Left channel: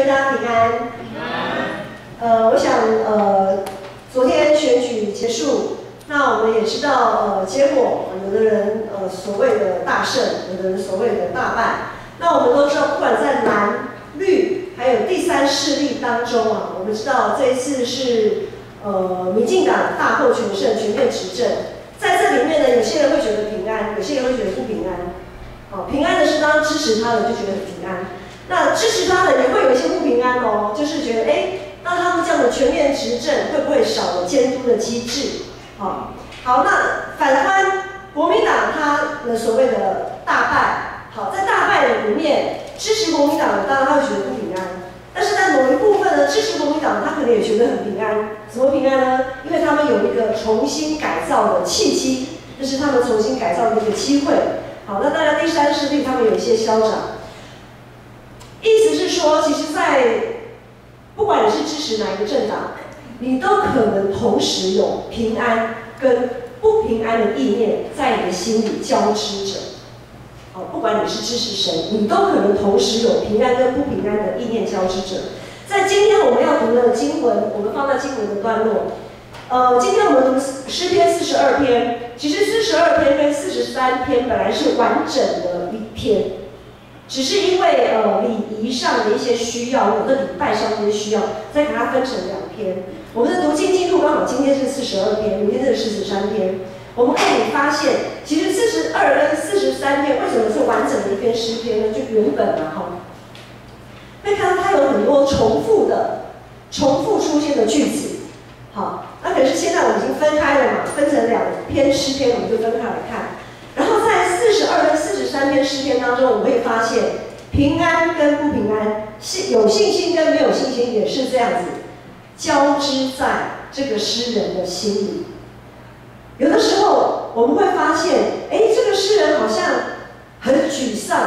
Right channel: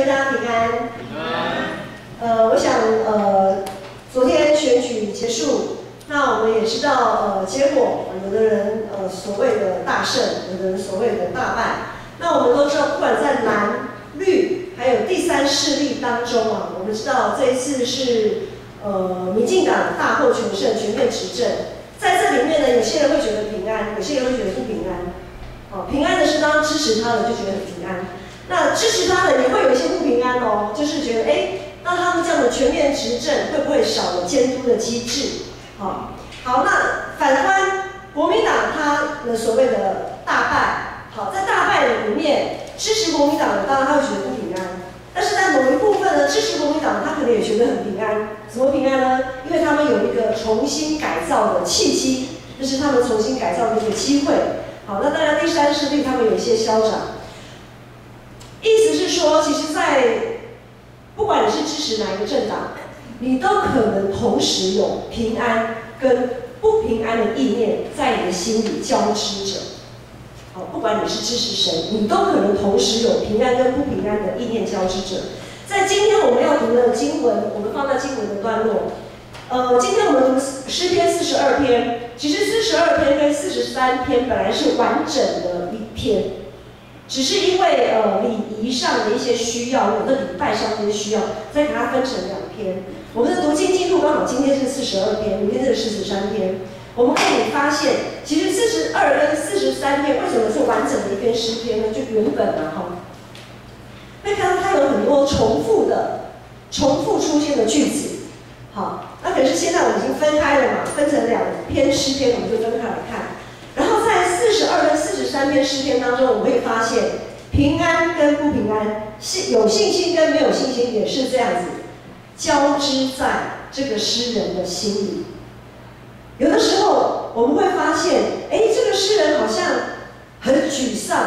大家平安。我想昨天选举结束，那我们也知道结果，有的人所谓的大胜，有的人所谓的大败。那我们都知道，不管在蓝、绿，还有第三势力当中啊，我们知道这一次是民进党大获全胜，全面执政。在这里面呢，有些人会觉得平安，有些人会觉得不平安。平安的是当然支持他的就觉得很平安。那支持他的也会有一些不平安哦，就是觉得那他们这样的全面执政会不会少了监督的机制？好，那反观国民党他的所谓的大败，好，在大败里面支持国民党的，当然他会觉得不平安，但是在某一部分呢，支持国民党他可能也觉得很平安。怎么平安呢？因为他们有一个重新改造的契机，这是他们重新改造的一个机会。好，那当然第三势力他们有一些消长。意思是说，其实在不管你是支持哪一个政党，你都可能同时有平安跟不平安的意念在你的心里交织着。不管你是支持谁，你都可能同时有平安跟不平安的意念交织着。在今天我们要读的经文，我们放在经文的段落。今天我们读诗篇42篇，其实42篇跟43篇本来是完整的一篇。只是因为礼仪上的一些需要，我的礼拜上的一些需要，再给它分成2篇。我们的读经进度刚好今天是42篇，明天是43篇。我们可以发现，其实42跟43篇为什么是完整的一篇诗篇呢？就原本会看到它有很多重复出现的句子。好，那可是现在我们已经分开了嘛，分成2篇诗篇，我们就分开来看。然后在42跟43篇诗篇当中，我们会发现平安跟不平安，有信心跟没有信心也是这样子交织在这个诗人的心里。有的时候我们会发现，这个诗人好像很沮丧。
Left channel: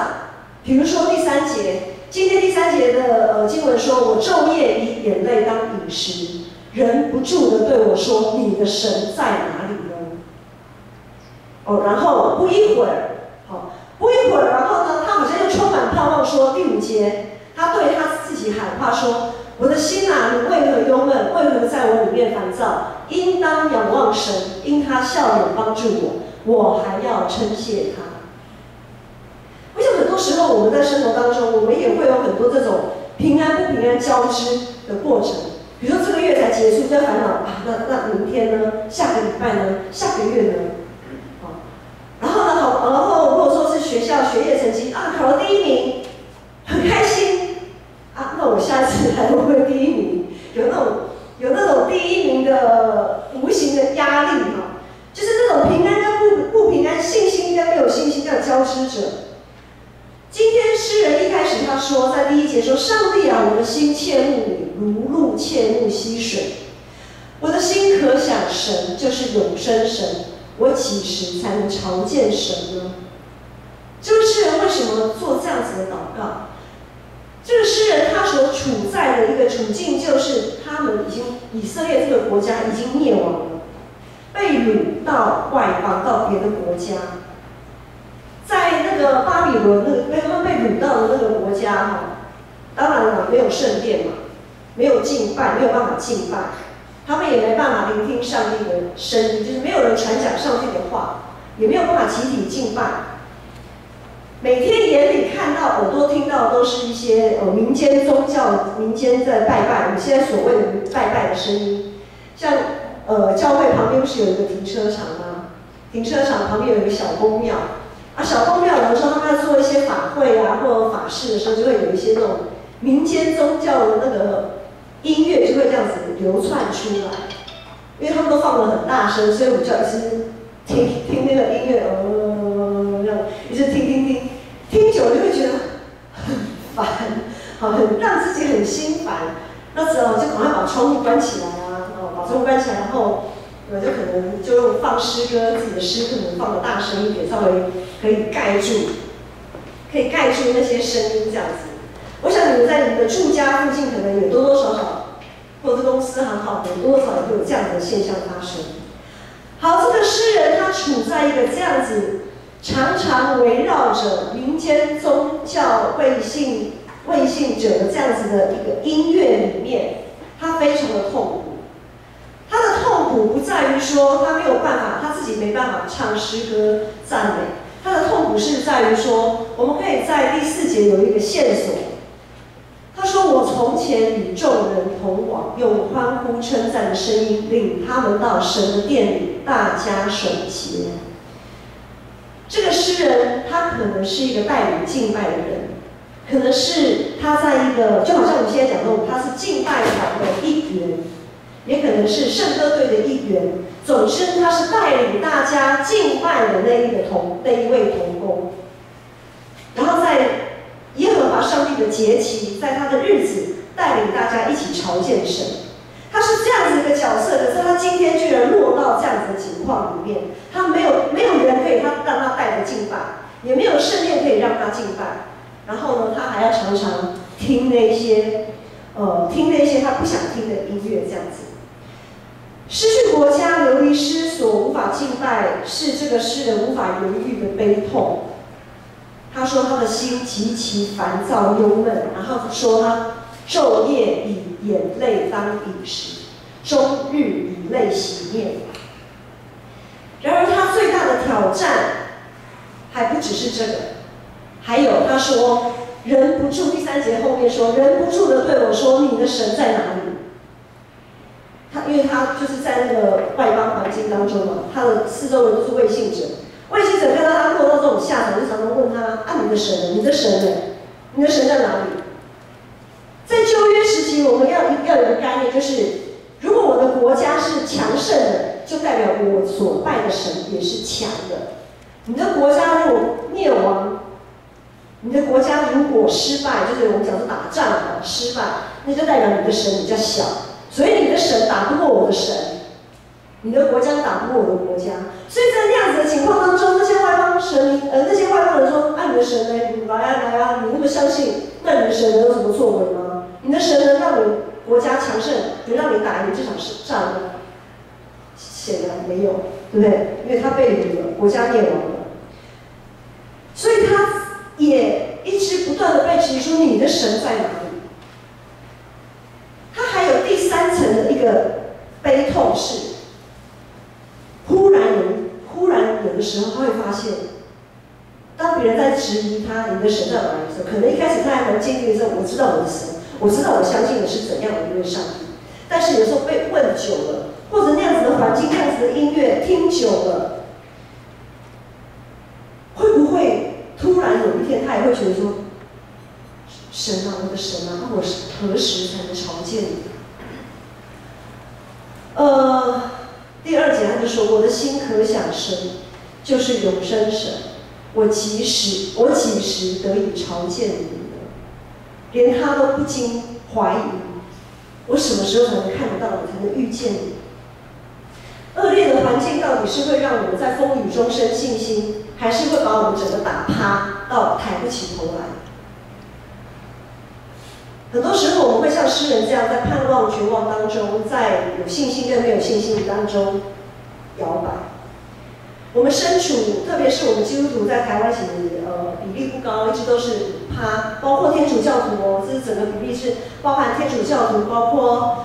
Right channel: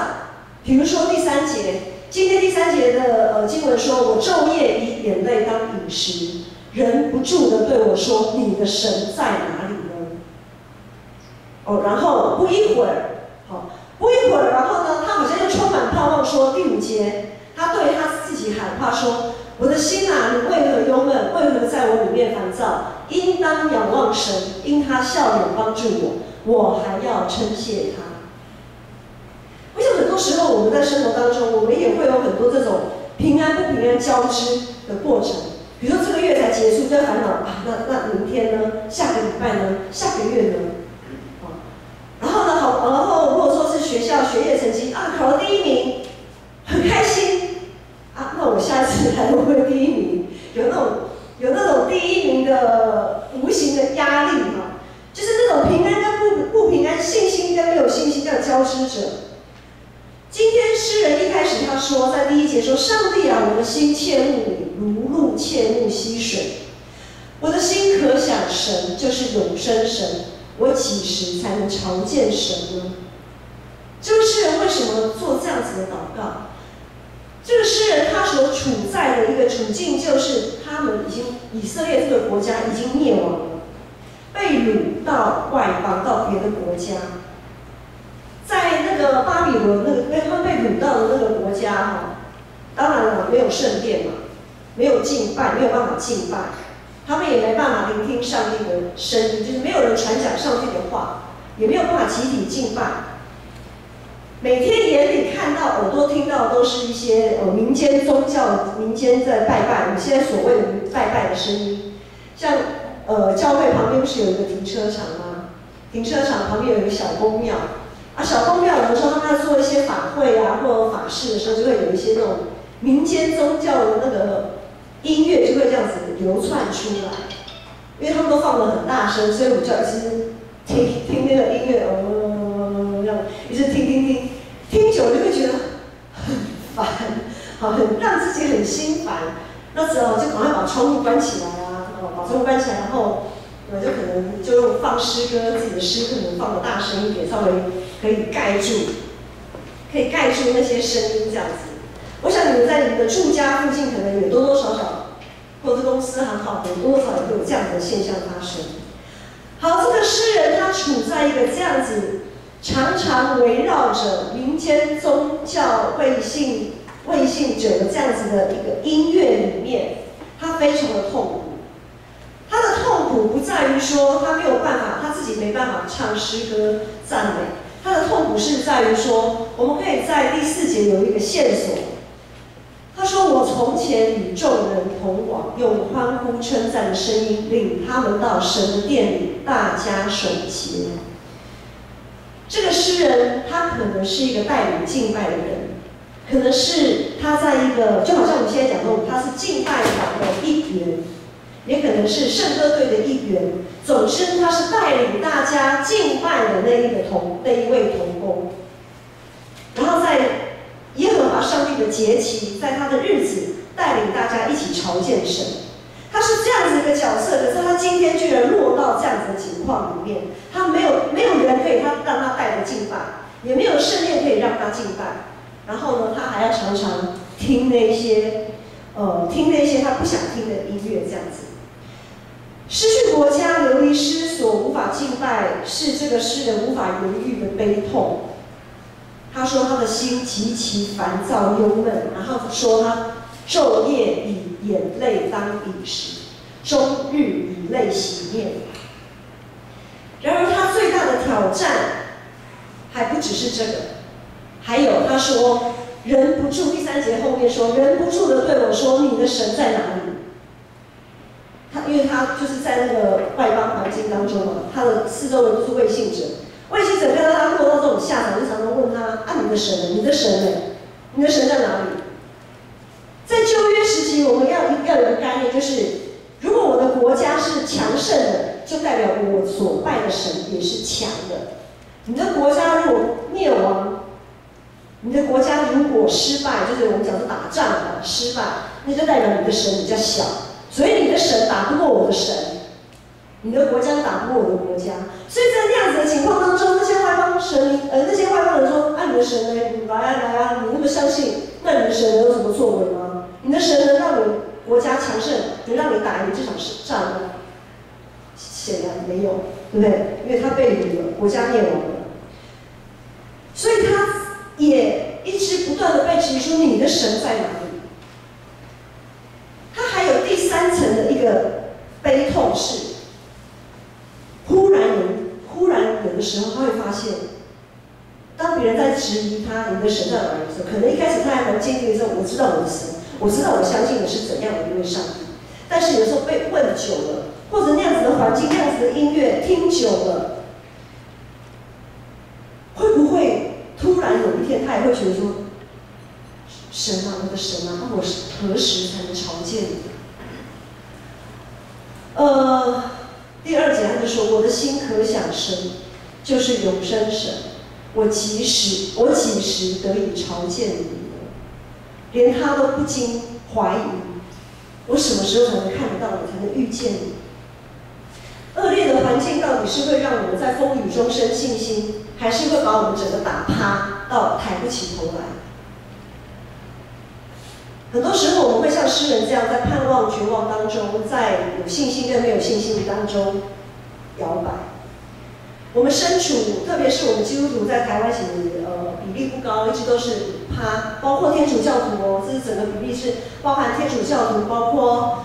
比如说第3节，今天第3节的经文说：“我昼夜以眼泪当饮食，忍不住的对我说：你的神在哪里呢？”然后不一会儿，然后呢，他好像又充满盼望说，第5节，他对他自己喊话说：“我的心啊，你为何忧闷？为何在我里面烦躁？应当仰望神，因他笑脸帮助我，我还要称谢他。”我想很多时候我们在生活当中，我们也会有很多这种平安不平安交织的过程。比如说这个月才结束，就烦恼那明天呢？下个礼拜呢？下个月呢？然后如果说是学校学业成绩考了第1名，很开心那我下次还会不会第1名？有那种第1名的无形的压力就是那种平安跟不平安，信心跟没有信心这样交织着。今天诗人一开始他说，在第1节说：“上帝啊，我的心切慕你，如鹿切慕溪水。我的心可想神，就是永生神。我几时才能朝见神呢？”这个诗人为什么做这样子的祷告？这个诗人他所处在的一个处境，就是他们以色列这个国家已经灭亡了，被掳到外邦，到别的国家。在那个巴比伦他们被掳到的那个国家当然了，没有圣殿嘛，没有敬拜，没有办法敬拜。他们也没办法聆听上帝的声音，就是没有人传讲上帝的话，也没有办法集体敬拜。每天眼里看到、耳朵听到，都是一些民间宗教、民间在拜拜，我们现在所谓的拜拜的声音。像教会旁边不是有一个停车场吗？停车场旁边有一个小公庙小公庙有的时候他们在做一些法会或者法事的时候，就会有一些那种民间宗教的那个音乐就会这样子流窜出来，因为他们都放得很大声，所以我就一直听那个音乐，这样一直听久了就会觉得很烦，很让自己很心烦。那时候就赶快把窗户关起来把窗户关起来，然后就可能就放诗歌，自己的诗可能放得大声一点，稍微可以盖住那些声音这样子。我想你们在你们的住家附近，可能也多多少少，或者公司很好的，多多少少也会有这样的现象发生。好，这个诗人他处在一个这样子，常常围绕着民间宗教背信魏信哲的这样子的一个音乐里面，他非常的痛苦。他的痛苦不在于说他没有办法，他自己没办法唱诗歌赞美，他的痛苦是在于说，我们可以在第4节有一个线索。他说：“我从前与众人同往，用欢呼称赞的声音领他们到神的殿里，大家守节。”这个诗人他可能是一个带领敬拜的人，可能是他在一个，就好像我们现在讲的，他是敬拜团的一员，也可能是圣歌队的一员。总之，他是带领大家敬拜的那一位同工。然后在耶和华上帝的节期，在他的日子，带领大家一起朝见神。他是这样子一个角色，可是他今天居然落到这样子的情况里面，他没有人可以让他带着敬拜，也没有圣殿可以让他敬拜。然后呢，他还要常常听那些他不想听的音乐，这样子。失去国家、流离失所、无法敬拜，是这个诗人无法言喻的悲痛。他说他的心极其烦躁忧闷，然后说他昼夜以眼泪当饮食，终日以泪洗面。然而他最大的挑战还不只是这个，还有他说忍不住，第3节后面说忍不住的对我说：“你的神在哪里？”因为他就是在那个外邦环境当中嘛，他的四周人都是未信者。卫星者看到他落到这种下场，就常常问他：“啊，你的神呢？你的神呢？你的神在哪里？”在旧约时期，我们要有一个概念，就是如果我的国家是强盛的，就代表我所拜的神也是强的。你的国家如果灭亡，你的国家如果失败，就是我们讲的打仗啊失败，那就代表你的神比较小，所以你的神打不过我的神。你的国家打不过我的国家，所以在那样子的情况当中，那些外邦人说：“啊，你的神呢？你来啊，你那么相信，那你的神能有什么作为吗？你的神能让你国家强盛，能让你打赢这场仗吗？”显然没有，对不对？因为他被掳了，国家灭亡了，所以他也一直不断的被质疑说：“你的神在哪里？”他还有第3层的一个悲痛是。忽然有的时候，他会发现，当别人在质疑他你的神在哪里的时候，可能一开始他还蛮坚定的时候，我知道我的神，我知道我相信的是怎样的一位上帝。但是有时候被问久了，或者那样子的环境、那样子的音乐听久了，会不会突然有一天他也会觉得说：“神啊，我的神啊，我何时才能朝见你？”第2节他就说：“我的心可想神，就是永生神，我几时得以朝见你呢？”连他都不禁怀疑，我什么时候才能看得到你，才能遇见你？恶劣的环境到底是会让我们在风雨中生信心，还是会把我们整个打趴到抬不起头来？很多时候我们会像诗人这样，在盼望、绝望当中，在有信心跟没有信心当中摇摆。我们身处，特别是我们基督徒在台湾其实比例不高，一直都是趴，包括天主教徒哦，这是整个比例是包含天主教徒，包括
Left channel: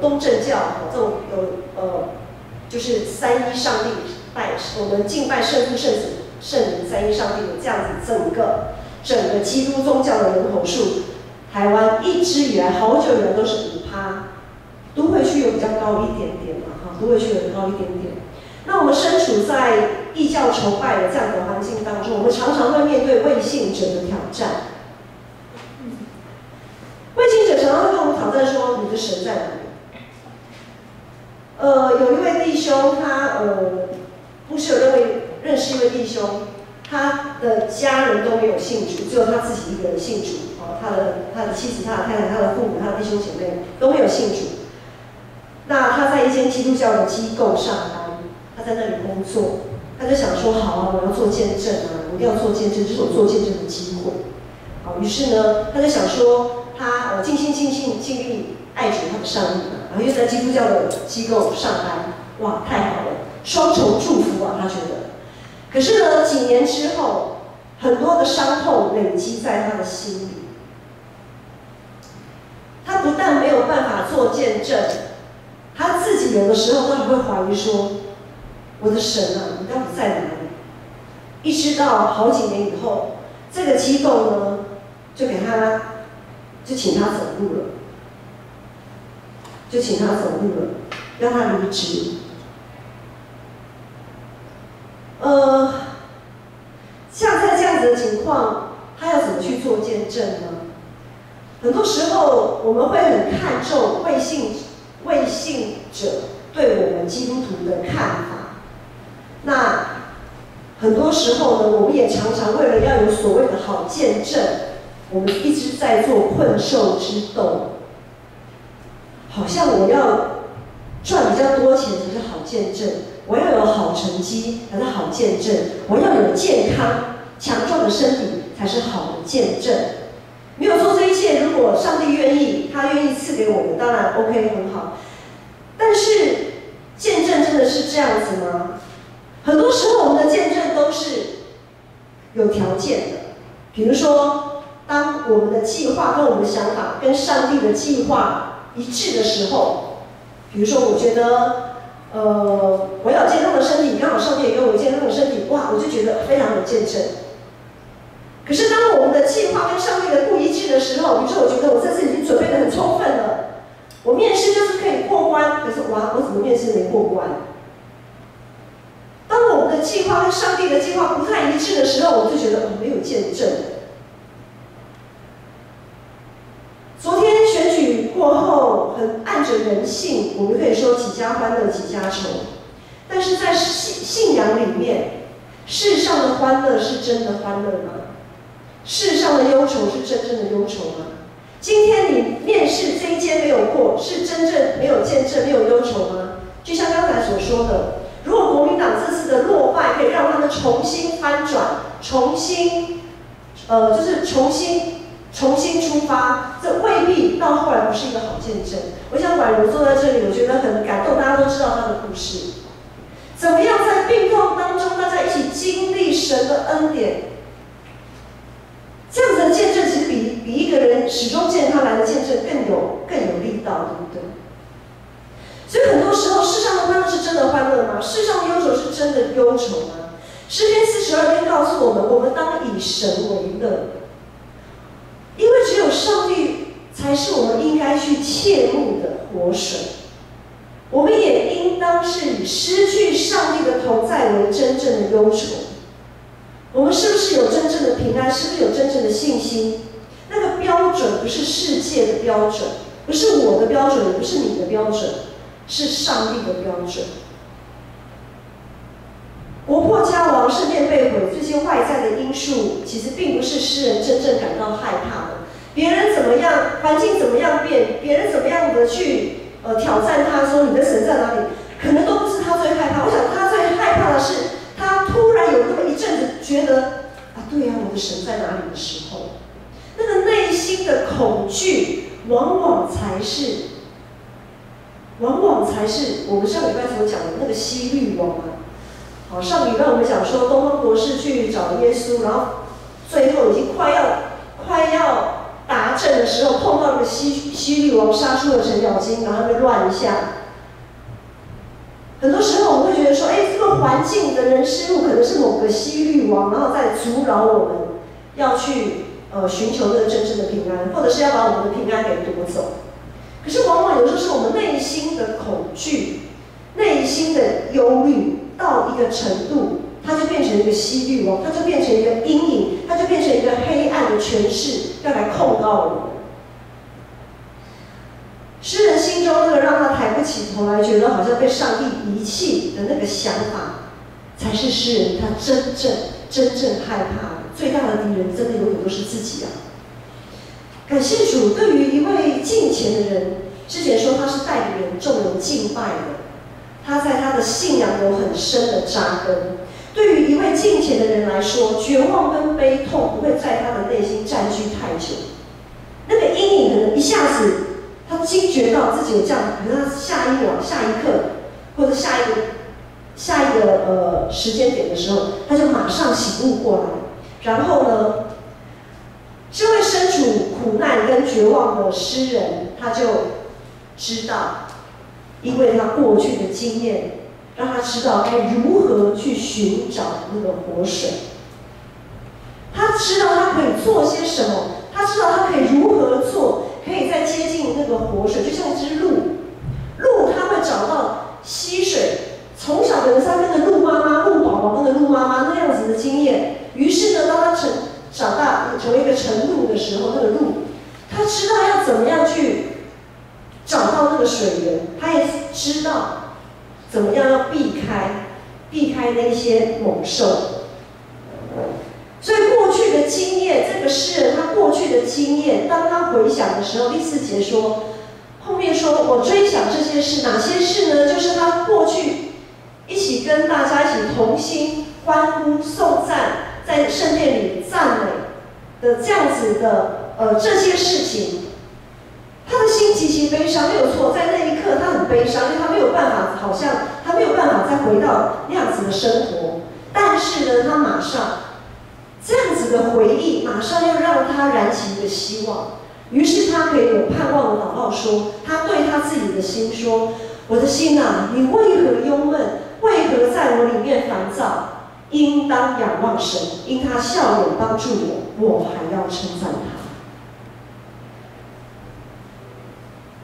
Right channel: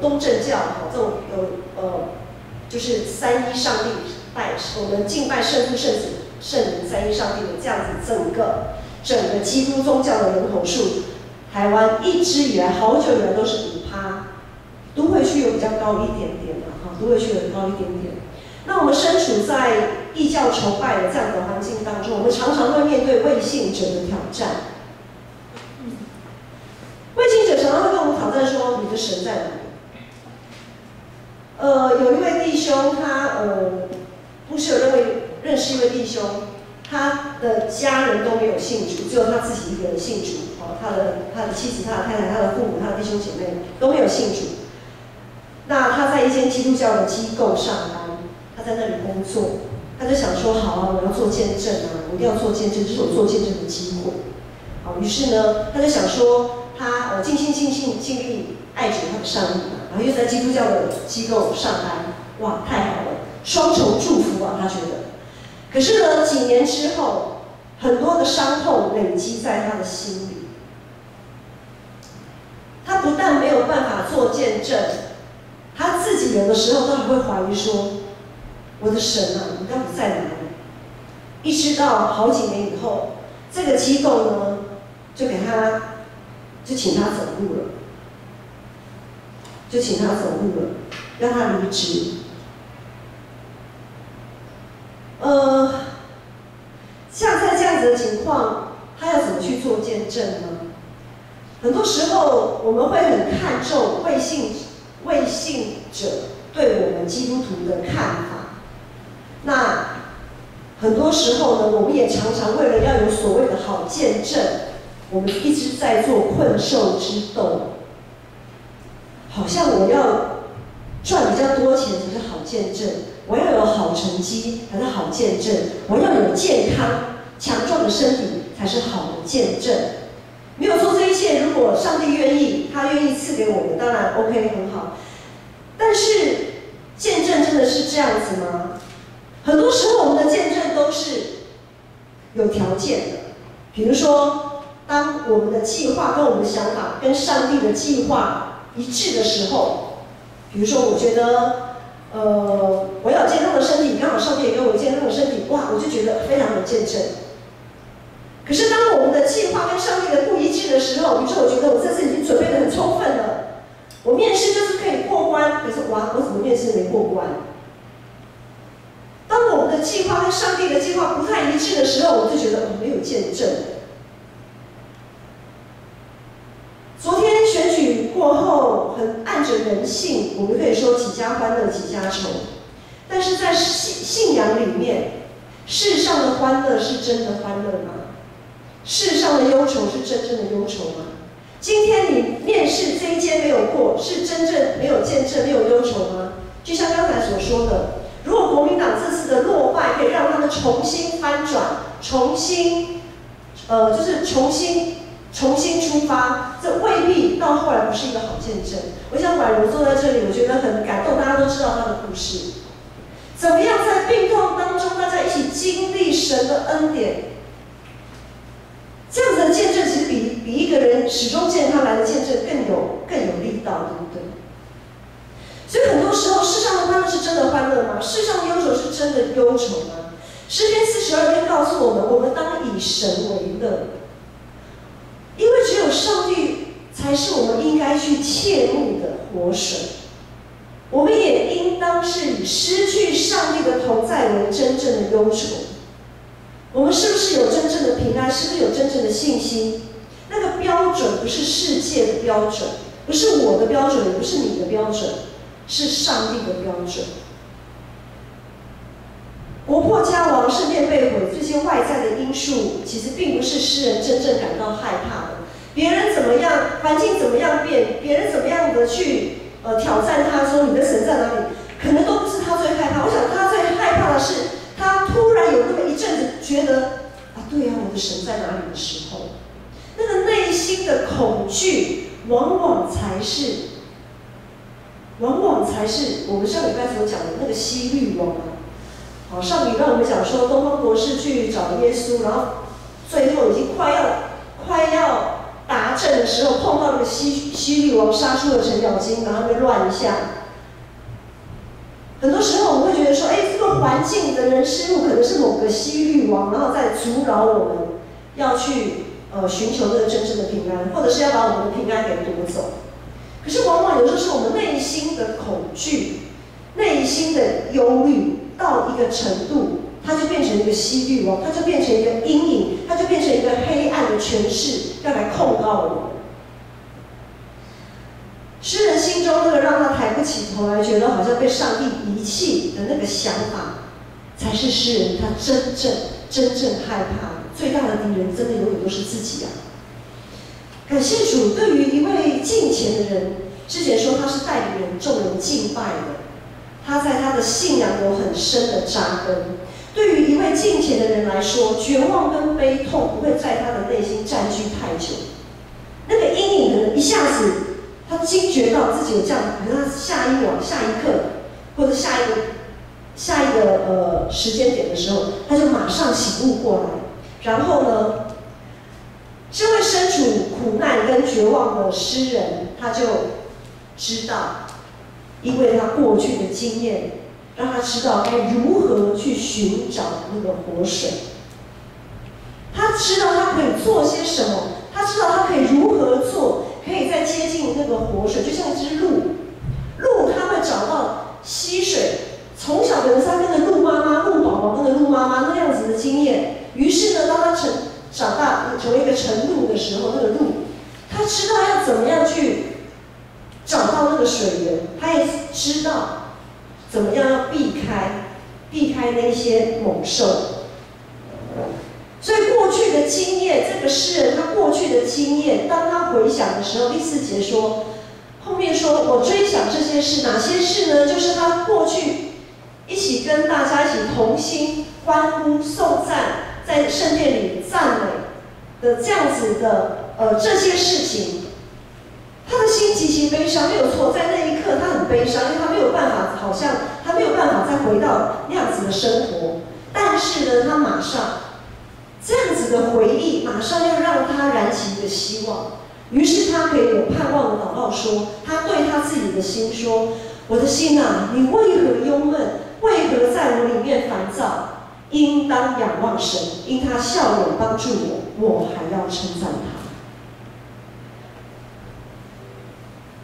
东正教这种就是三一上帝拜，我们敬拜圣父、圣子、圣灵三一上帝的这样子整个基督宗教的人口数。台湾一直以来，好久以来都是5%，都会区有比较高一点点嘛，哈，都会区有高一点点。那我们身处在异教崇拜的这样的环境当中，我们常常会面对未信者的挑战。未信者常常会跟我们挑战说：“你的神在哪里？”有一位弟兄，他不是有认识一位弟兄，他的家人都没有信主，只有他自己一个人信主。他的妻子、他的太太、他的父母、他的弟兄姐妹都没有信主。那他在一间基督教的机构上班，他在那里工作，他就想说：“好啊，我要做见证啊，我一定要做见证，这是我做见证的机会。”好，于是呢，他就想说，他尽心尽力爱主他的上帝嘛，然后又在基督教的机构上班，哇，太好了，双重祝福啊，他觉得。可是呢，几年之后，很多的伤痛累积在他的心里。做见证，他自己有的时候都还会怀疑说：“我的神啊，你到底在哪里？”一直到好几年以后，这个机构呢，就请他走路了，让他离职。像在这样子的情况，他要怎么去做见证呢？很多时候我们会很看重未信者对我们基督徒的看法。那很多时候呢，我们也常常为了要有所谓的好见证，我们一直在做困兽之斗。好像我要赚比较多钱才是好见证，我要有好成绩才是好见证，我要有健康强壮的身体才是好的见证。没有做这一切，如果上帝愿意，他愿意赐给我们，当然 OK 很好。但是见证真的是这样子吗？很多时候我们的见证都是有条件的，比如说，当我们的计划跟我们的想法跟上帝的计划一致的时候，比如说我觉得，我要有健康的身体，刚好上帝也给我有健康的身体，哇，我就觉得非常有见证。可是当我们的计划跟上帝的不一致的时候，比如说我觉得我这次已经准备得很充分了，我面试就是可以过关，可是哇，我怎么面试没过关？当我们的计划跟上帝的计划不太一致的时候，我就觉得没有见证。昨天选举过后，很按着人性，我们可以说几家欢乐几家愁。但是在信仰里面，世上的欢乐是真的欢乐吗？世上的忧愁是真正的忧愁吗？今天你面试这一间没有过，是真正没有见证、没有忧愁吗？就像刚才所说的，如果国民党这次的落败可以让他们重新翻转、重新出发，这未必到后来不是一个好见证。我想婉如坐在这里，我觉得很感动，大家都知道她的故事，怎么样在病痛当中，大家一起经历神的恩典。这样子的见证，其实比一个人始终见他来的见证更有力道，对不对？所以很多时候，世上的欢乐是真的欢乐吗？世上的忧愁是真的忧愁吗？诗篇42篇告诉我们，我们当以神为乐，因为只有上帝才是我们应该去切慕的活水。我们也应当是以失去上帝的同在为真正的忧愁。我们是不是有真正的平安？是不是有真正的信心？那个标准不是世界的标准，不是我的标准，也不是你的标准，是上帝的标准。国破家亡、圣殿被毁，这些外在的因素，其实并不是诗人真正感到害怕的。别人怎么样，环境怎么样变，别人怎么样的去挑战他，说你的神在哪里，可能都不是他最害怕。我想他最害怕的是，他突然有那么一阵子觉得啊，对呀，我的神在哪里的时候，那个内心的恐惧，往往才是我们上礼拜所讲的那个希律王啊。好，上礼拜我们讲说东方博士去找耶稣，然后最后已经快要达阵的时候，碰到那个希律王，杀出了程咬金，然后被乱一下。很多时候我们会觉得说，这个环境的人事物可能是某个希律王，然后再阻扰我们要去寻求那个真正的平安，或者是要把我们的平安给夺走。可是往往有时候是我们内心的恐惧、内心的忧虑到一个程度，它就变成一个希律王，它就变成一个阴影，它就变成一个黑暗的权势，要来控告我们。诗人心中那个让他抬不起头来，觉得好像被上帝遗弃的那个想法，才是诗人他真正害怕的。最大的敌人，真的永远都是自己啊！感谢主，对于一位敬虔的人，之前说他是带领人众人敬拜的，他在他的信仰有很深的扎根。对于一位敬虔的人来说，绝望跟悲痛不会在他的内心占据太久，那个阴影可能一下子。他惊觉到自己有这样，可能他下一秒、下一刻，或者下一个时间点的时候，他就马上醒悟过来。然后呢，这位身处苦难跟绝望的诗人，他就知道，因为他过去的经验，让他知道该如何去寻找那个活水。他知道他可以做些什么，他知道他可以如何做，可以再接近那个活水，就像一只鹿，它会找到溪水。从小的他跟着鹿妈妈、鹿宝宝跟着鹿妈妈那样子的经验，于是呢，当他长大成为一个晨鹿的时候，那个鹿，他知道要怎么样去找到那个水源，他也知道怎么样要避开那些猛兽。所以过去的经验，这个诗人他过去的经验，当他回想的时候，第4节说，后面说我追想这些事，哪些事呢？就是他过去一起跟大家一起同心欢呼颂赞，在圣殿里赞美的这样子的这些事情，他的心极其悲伤，没有错，在那一刻他很悲伤，因为他没有办法，好像他没有办法再回到那样子的生活。但是呢，他马上这样子的回忆，马上又让他燃起一个希望。于是他可以有盼望的祷告说，他对他自己的心说：“我的心啊，你为何忧闷？为何在我里面烦躁？应当仰望神，因他笑脸帮助我，我还要称赞他。”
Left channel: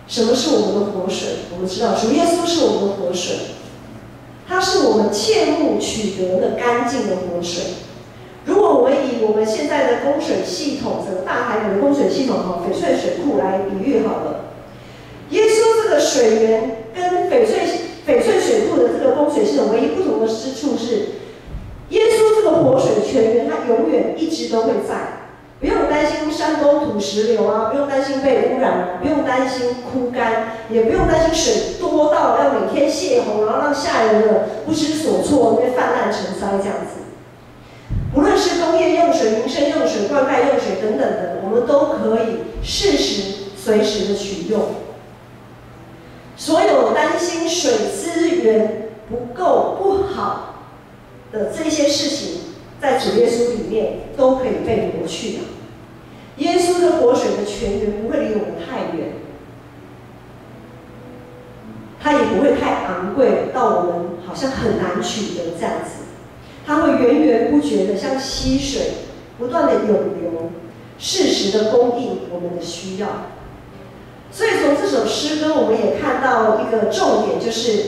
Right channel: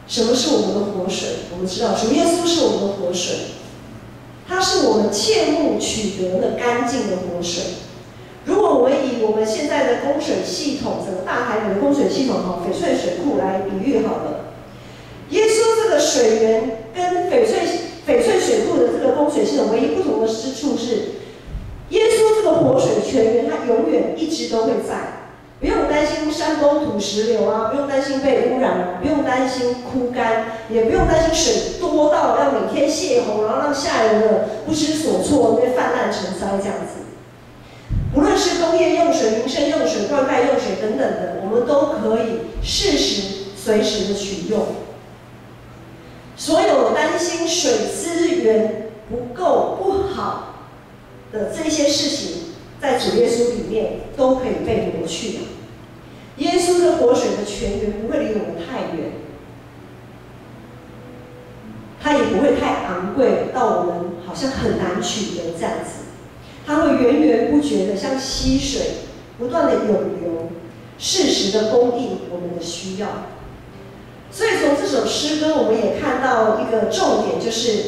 什么是我们的活水？我们知道主耶稣是我们的活水，他是我们切慕取得的干净的活水。如果我以我们现在的供水系统，整个大台北的供水系统翡翠水库来比喻好了，耶稣这个水源跟翡翠水库的这个供水系统唯一不同的之处是，耶稣这个活水泉源，它永远一直都会在，不用担心山崩土石流啊，不用担心被污染啊，不用担心枯干，也不用担心水多到要每天泄洪，然后让下游的不知所措，因为泛滥成灾这样子。无论是工业用水、民生用水、灌溉用水等等的，我们都可以适时、随时的取用。所有担心水资源不够、不好的这些事情，在主耶稣里面都可以被挪去的。耶稣的活水的泉源不会离我们太远，它也不会太昂贵到我们好像很难取得这样子。它会源源不绝的像溪水，不断的涌流，适时的供应我们的需要。所以从这首诗歌，我们也看到一个重点，就是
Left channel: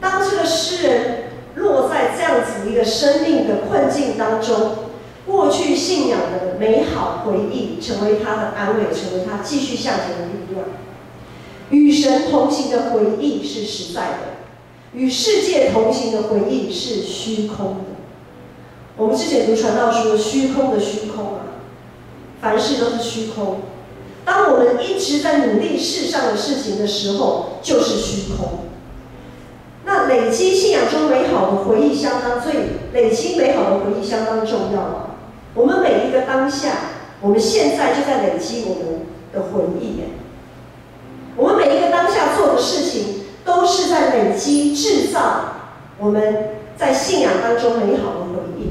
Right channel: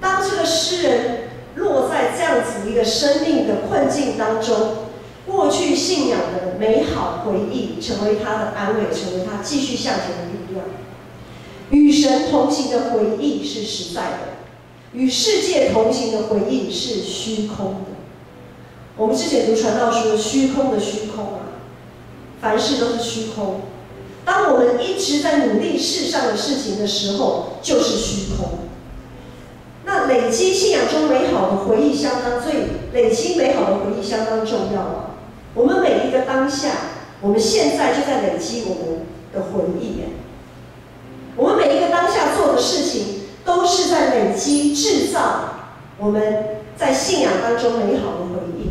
当这个诗人落在这样子一个生命的困境当中，过去信仰的美好回忆成为他的安慰，成为他继续向前的力量。与神同行的回忆是实在的，与世界同行的回忆是虚空的。我们之前读传道说，虚空的虚空啊，凡事都是虚空。当我们一直在努力世上的事情的时候，就是虚空。那累积信仰中美好的回忆累积美好的回忆相当重要啊。我们每一个当下，我们现在就在累积我们的回忆耶。我们每一个当下做的事情，都是在累积制造我们在信仰当中美好的回忆。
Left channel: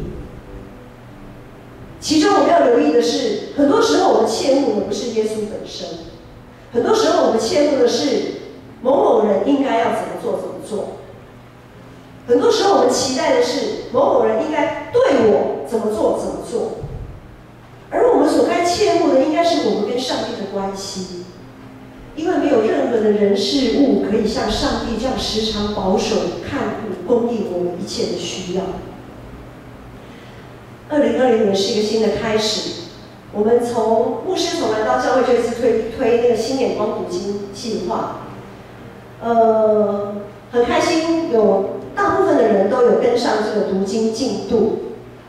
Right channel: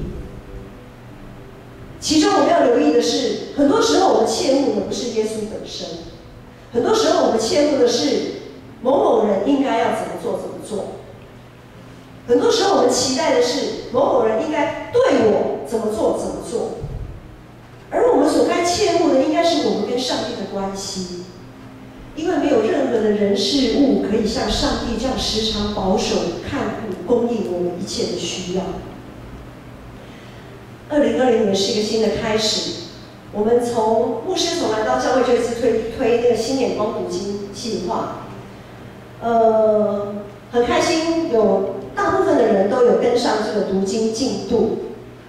其中我们要留意的是，很多时候我们切慕的不是耶稣本身，很多时候我们切慕的是某某人应该要怎么做怎么做。很多时候我们期待的是某某人应该对我怎么做怎么做，而我们所该切慕的应该是我们跟上帝的关系，因为没有任何的人事物可以像上帝这样时常保守看顾供应我们一切的需要。2020年是一个新的开始，我们牧师从来到教会就一直推那个新眼光读经计划，很开心有大部分的人都有跟上这个读经进度。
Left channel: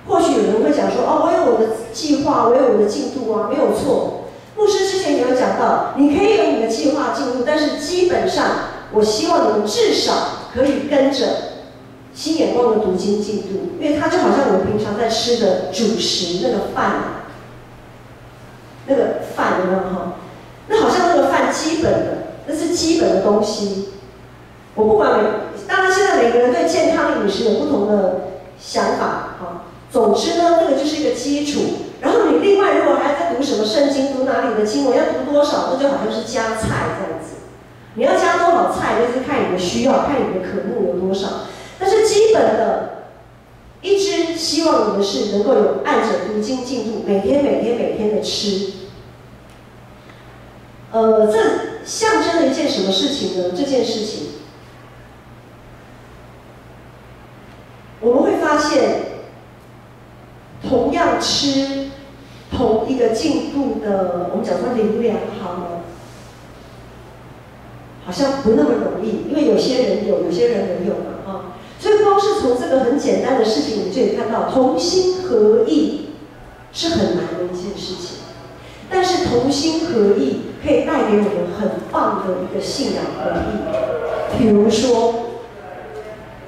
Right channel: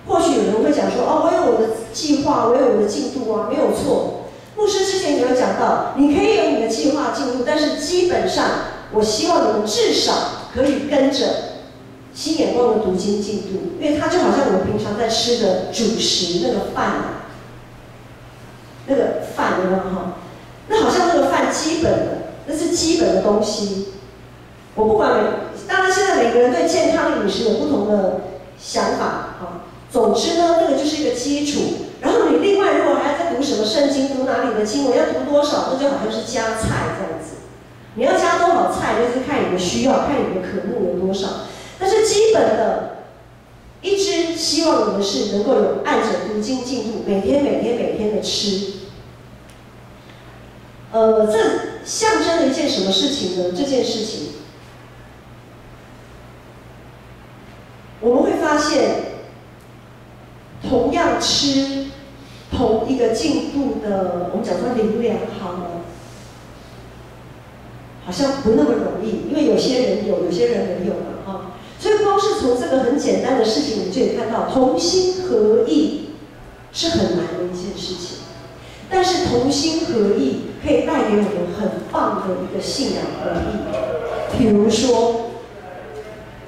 或许有人会讲说，我有我的计划，我有我的进度啊，没有错。牧师之前也有讲到，你可以有你的计划进度，但是基本上，我希望你们至少可以跟着新眼光的读经进度，因为它就好像我们平常在吃的主食那个饭，有没有哈？那好像那个饭基本的，那是基本的东西。我不管当然现在每个人对健康饮食有不同的想法哈。总之呢，那个就是一个基础。然后你另外如果还要再读什么圣经，读哪里的经文，要读多少，那就好像是加菜这样子。你要加多少菜，就是看你的需要，看你的渴慕有多少。但是基本的，一支希望你们是能够有按着读经进度，每天的吃。这象征了一件什么事情呢？这件事情，我们会发现，同样吃同一个进度的，我们讲说灵粮好了，好像不那么容易，因为有些人有，有些人没有嘛，哈。所以光是从这个很简单的事情，你就可以看到同心合意是很难的一件事情。但是同心合意可以带给我们很棒的一个信仰合一。比如说，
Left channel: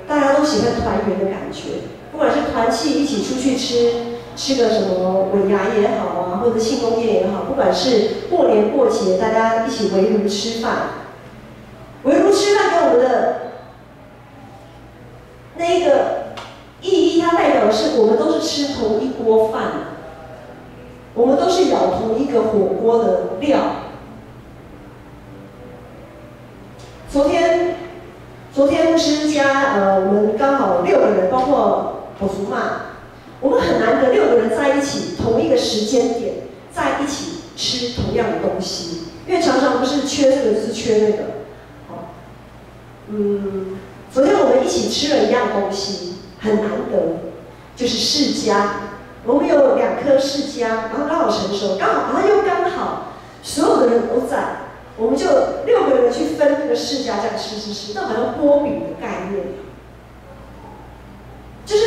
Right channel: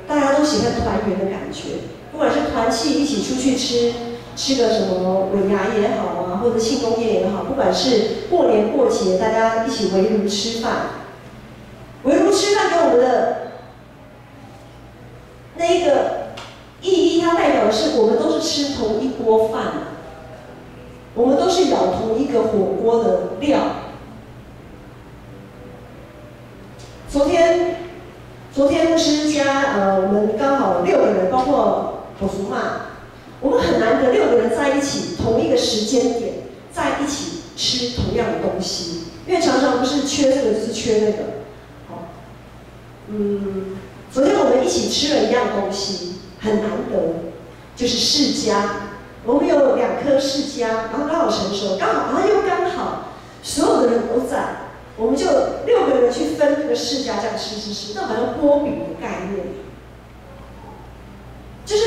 大家都喜欢团圆的感觉，不管是团契一起出去吃个什么尾牙也好啊，或者庆功宴也好，不管是过年过节大家一起围炉吃饭，围炉吃饭给我们的那一个意义，它代表的是我们都是吃同一锅饭，我们都是舀同一个火锅的料。昨天牧师家我们刚好6个人，包括我叔妈，我们很难得6个人在一起，同一个时间点在一起吃同样的东西，因为常常不是缺这个就是缺那个。好，昨天我们一起吃了一样东西，很难得，就是释迦。我们有2颗释迦，然后刚好成熟，然后又刚好所有的人都在。我们就6个人去分那个释迦，这样吃，那好像波饼的概念，就是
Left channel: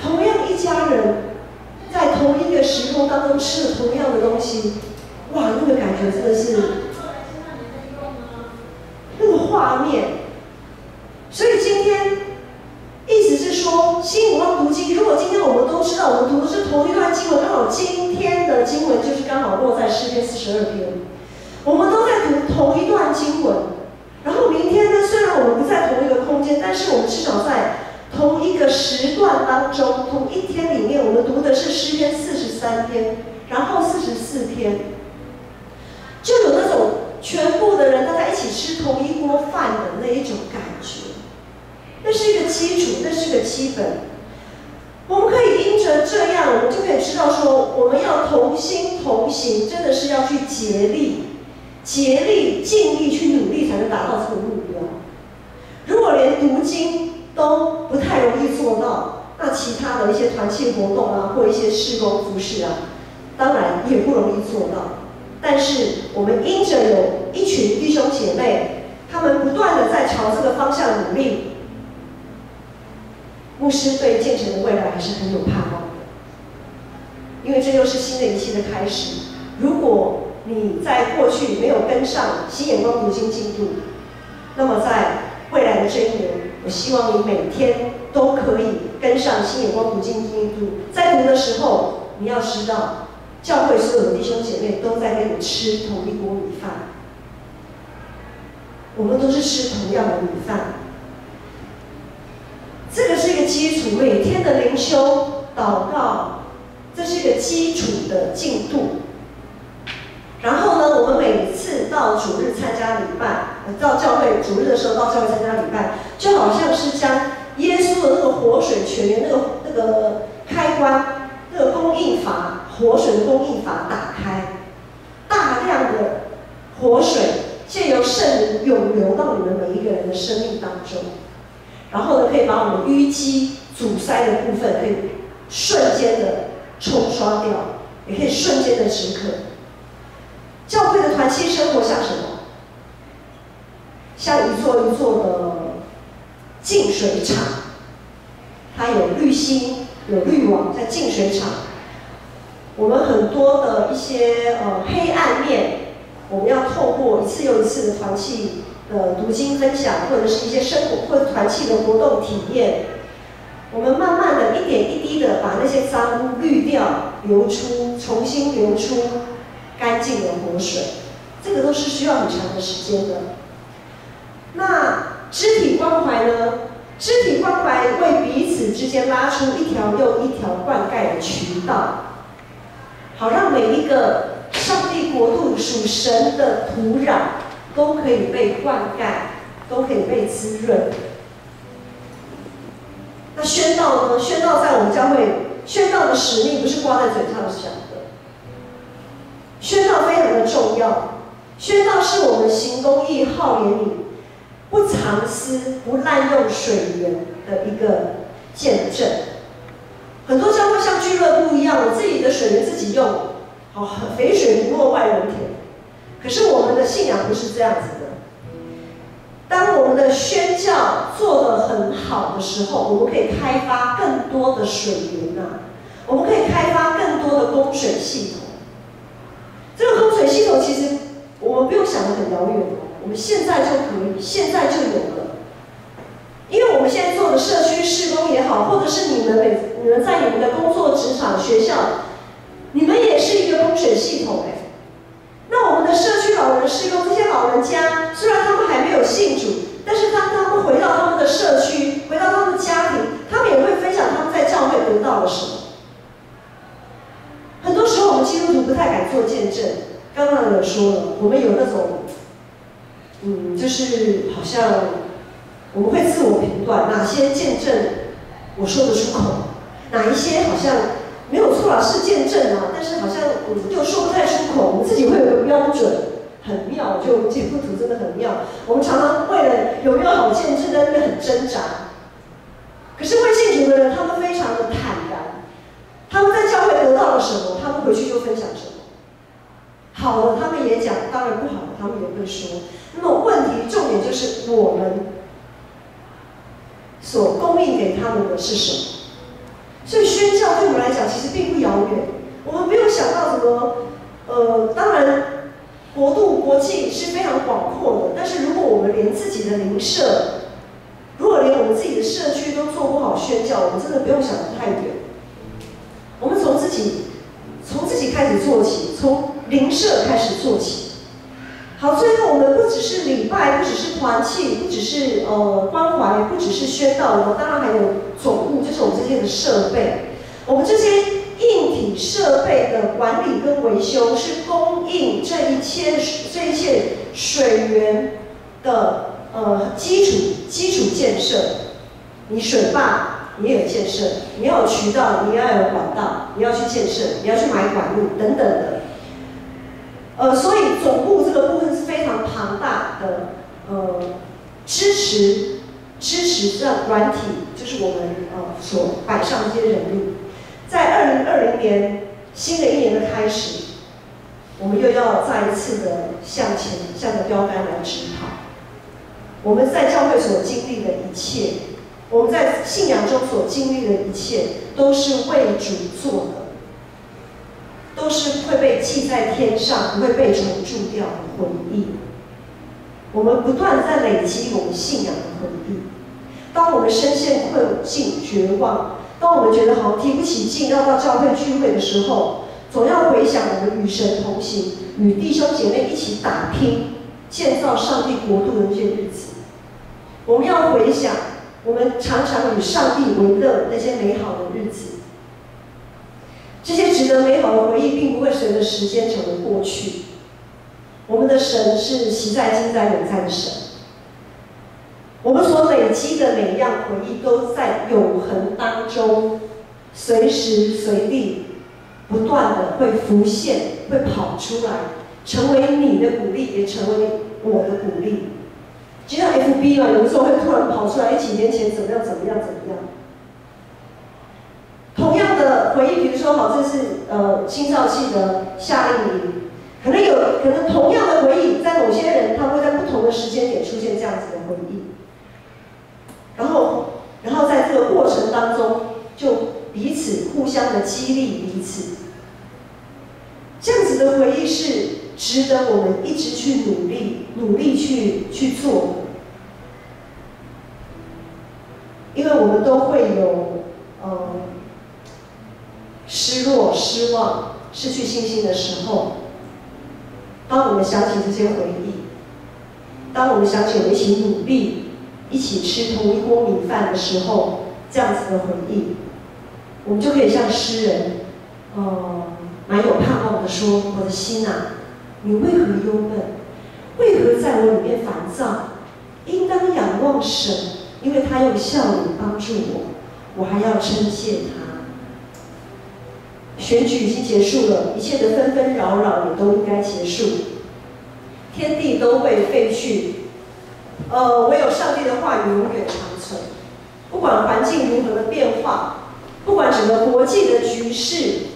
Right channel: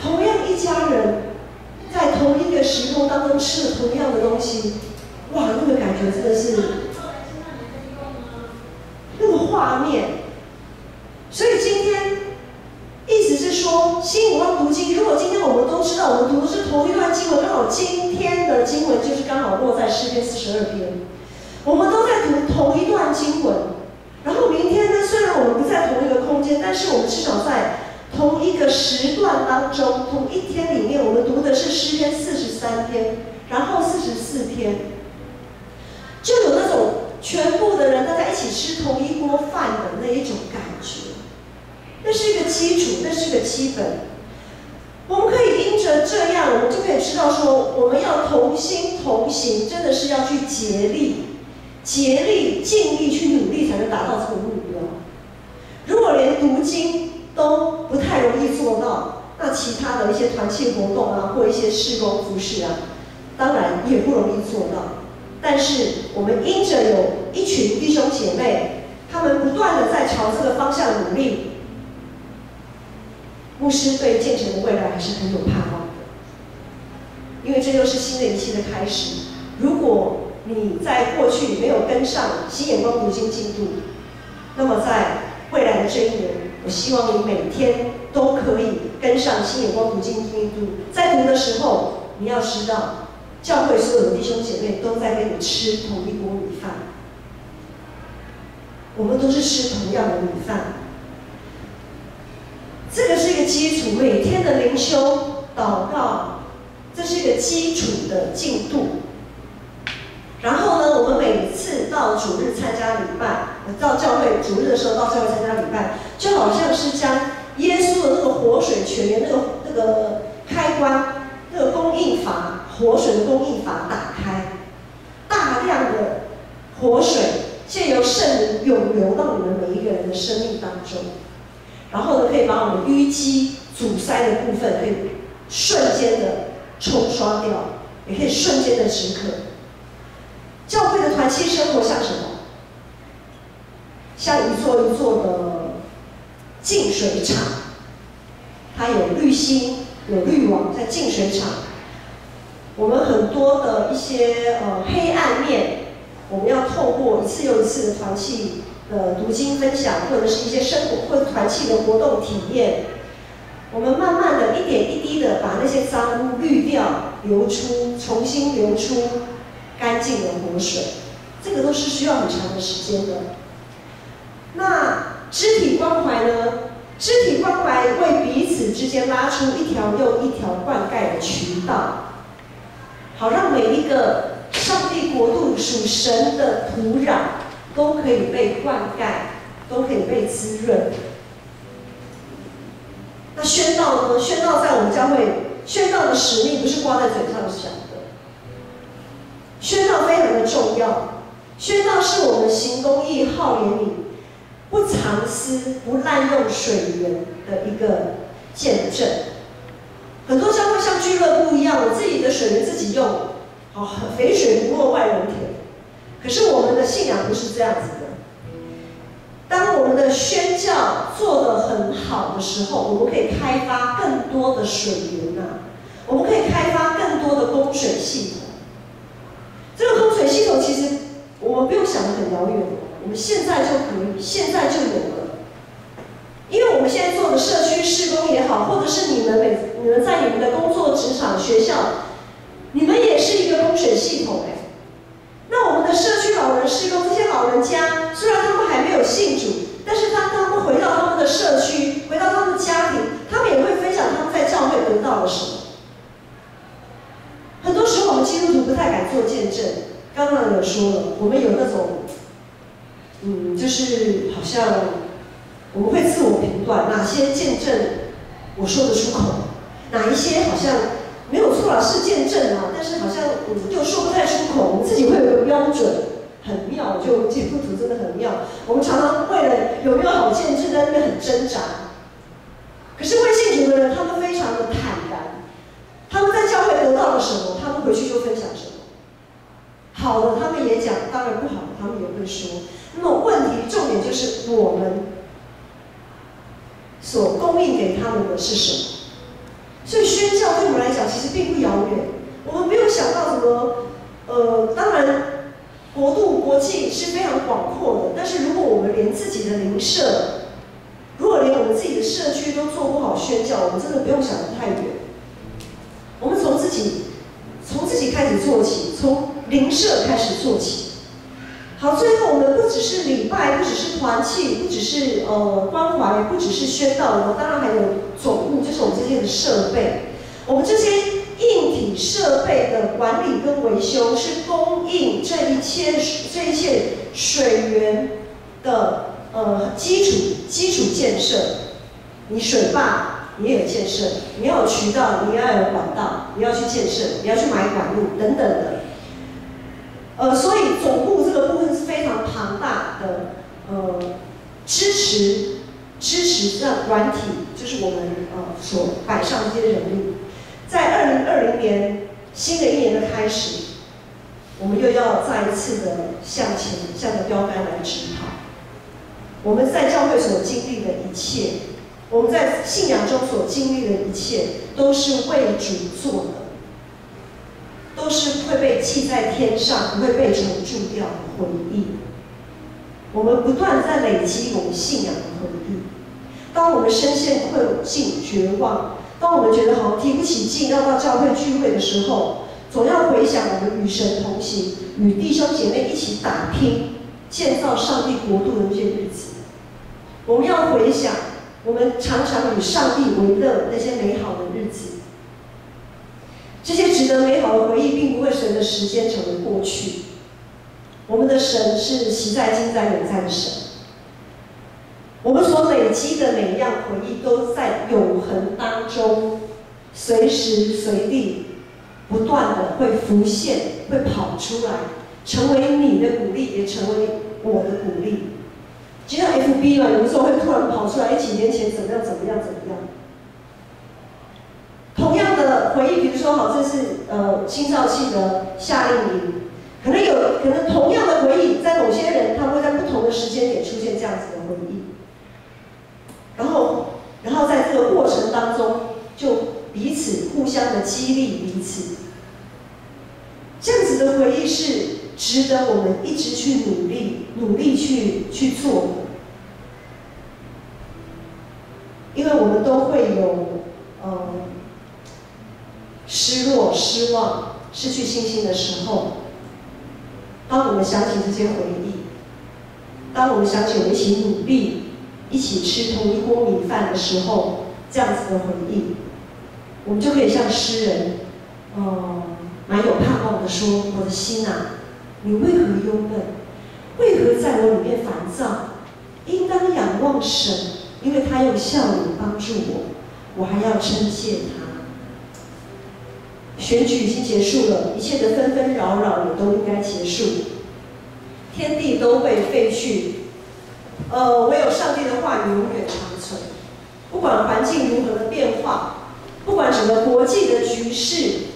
同样一家人在同一个时空当中吃了同样的东西，哇，那个感觉真的是那个画面。所以今天意思是说，新眼光读经，如果今天我们都知道我们读的是同一段经文，刚好今天的经文就是刚好落在诗篇42篇。我们都在读同一段经文，然后明天呢，虽然我们不在同一个空间，但是我们至少在同一个时段当中，同一天里面，我们读的是诗篇43篇，然后44篇，就有那种全部的人大家一起吃同一锅饭的那一种感觉。那是一个基础，那是一个基本。我们可以因着这样，我们就可以知道说，我们要同心同行，真的是要去竭力、尽力去努力，才能达到这个目标。如果连读经都不太容易做到，那其他的一些团契活动啊，或一些事工服事啊，当然也不容易做到。但是我们因着有一群弟兄姐妹，他们不断的在朝这个方向努力，牧师对建成的未来还是很有盼望的，因为这又是新的一期的开始。如果你在过去没有跟上新眼光读经进度，那么在未来的这一年，我希望你每天都可以跟上新眼光读经进度。在读的时候，你要知道，教会所有的弟兄姐妹都在跟你吃同一锅米饭，我们都是吃同样的米饭。这个是一个基础，每天的灵修、祷告，这是一个基础的进度。然后呢，我们每次到主日参加礼拜，到教会主日的时候到教会参加礼拜，就好像是将耶稣的那个活水泉源那个开关，那个供应阀，活水的供应阀打开，大量的活水借由圣灵涌流到你们每一个人的生命当中，然后呢，可以把我们淤积阻塞的部分可以瞬间的冲刷掉，也可以瞬间的止渴。教会的团契生活像什么？像一座一座的净水厂，它有滤芯，有滤网在净水厂。我们很多的一些黑暗面，我们要透过一次又一次的团契的读经分享，或者是一些生活或者团契的活动体验，我们慢慢的一点一滴的把那些脏污滤掉，流出，重新流出干净的活水，这个都是需要很长的时间的。那肢体关怀呢？肢体关怀为彼此之间拉出一条又一条灌溉的渠道，好让每一个上帝国度属神的土壤都可以被灌溉，都可以被滋润。那宣道呢？宣道在我们教会，宣道的使命不是挂在嘴上讲的，宣道非常的重要。宣道是我们行公义、好怜悯、不藏私、不滥用水源的一个见证。很多教会像俱乐部一样，我自己的水源自己用，好，肥水不落外人田。可是我们的信仰不是这样子的。当我们的宣教做得很好的时候，我们可以开发更多的水源啊，我们可以开发更多的供水系统。这个供水系统其实我们不用想得很遥远，我们现在就可以，现在就有了。因为我们现在做的社区事工也好，或者是你们在你们的工作、职场、学校，你们也是一个供水系统哎。那我们的社区老人事工，这些老人家虽然他们还没有信主，但是当他们回到他们的社区，回到他们的家庭，他们也会分享他们在教会得到了什么。很多时候我们基督徒不太敢做见证，刚刚有说了，我们有那种，就是好像我们会自我评断哪些见证我说得出口，哪一些好像没有错啦，是见证啊，但是好像又说不太出口，我们自己会有个标准，很妙，就基督徒真的很妙。我们常常为了有没有好见证在那边很挣扎。可是未信主的人，他们非常的坦然，他们在教会得到了什么，他们回去就分享什么。好的，他们也讲；当然不好的，他们也会说。那么问题重点就是我们所供应给他们的是什么？所以宣教对我们来讲其实并不遥远，我们没有想到什么，当然国度国际是非常广阔的，但是如果我们连自己的邻舍，如果连我们自己的社区都做不好宣教，我们真的不用想得太远。我们从自己开始做起，从邻舍开始做起。好，最后我们不只是礼拜，不只是团契，不只是关怀，不只是宣道，我们当然还有总务，就是我们这些的设备。我们这些硬体设备的管理跟维修，是供应这一切水源的基础建设。你水坝你也有建设，你要有渠道，你要有管道，你要去建设，你要去买管路等等的。所以总部这个部分是非常庞大的，支持这软体，就是我们所摆上这些人力。在2020年新的一年的开始，我们又要再一次的向前，向着标杆来直跑。我们在教会所经历的一切，我们在信仰中所经历的一切，都是为主做的。都是会被记在天上，不会被重铸掉的回忆。我们不断在累积我们信仰的回忆。当我们深陷困境、绝望，当我们觉得好像提不起劲要到教会聚会的时候，总要回想我们与神同行，与弟兄姐妹一起打拼，建造上帝国度的那些日子。我们要回想我们常常与上帝为乐那些美好的日子。这些值得美好的回忆，并不会随着时间成为过去。我们的神是习在、今在、永在的神。我们所累积的每一样回忆，都在永恒当中，随时随地不断的会浮现，会跑出来，成为你的鼓励，也成为我的鼓励。就像 FB 嘛，有的时候会突然跑出来，几年前怎么样。同样的回忆，比如说，好，这是青少期的夏令营，可能同样的回忆，在某些人他会在不同的时间点出现这样子的回忆，然后在这个过程当中，就彼此互相的激励彼此，这样子的回忆是值得我们一直去努力去做的，因为我们都会有失落、失望、失去信心的时候，当我们想起这些回忆，当我们想起我们一起努力、一起吃同一锅米饭的时候，这样子的回忆，我们就可以像诗人，蛮有盼望的说：“我的心啊，你为何忧闷？为何在我里烦躁，应当仰望神，因为他用笑脸帮助我，我还要称谢他。选举已经结束了，一切的纷纷扰扰也都应该结束，天地都会废去，唯有上帝的话语永远长存。不管环境如何的变化，不管整个国际的局势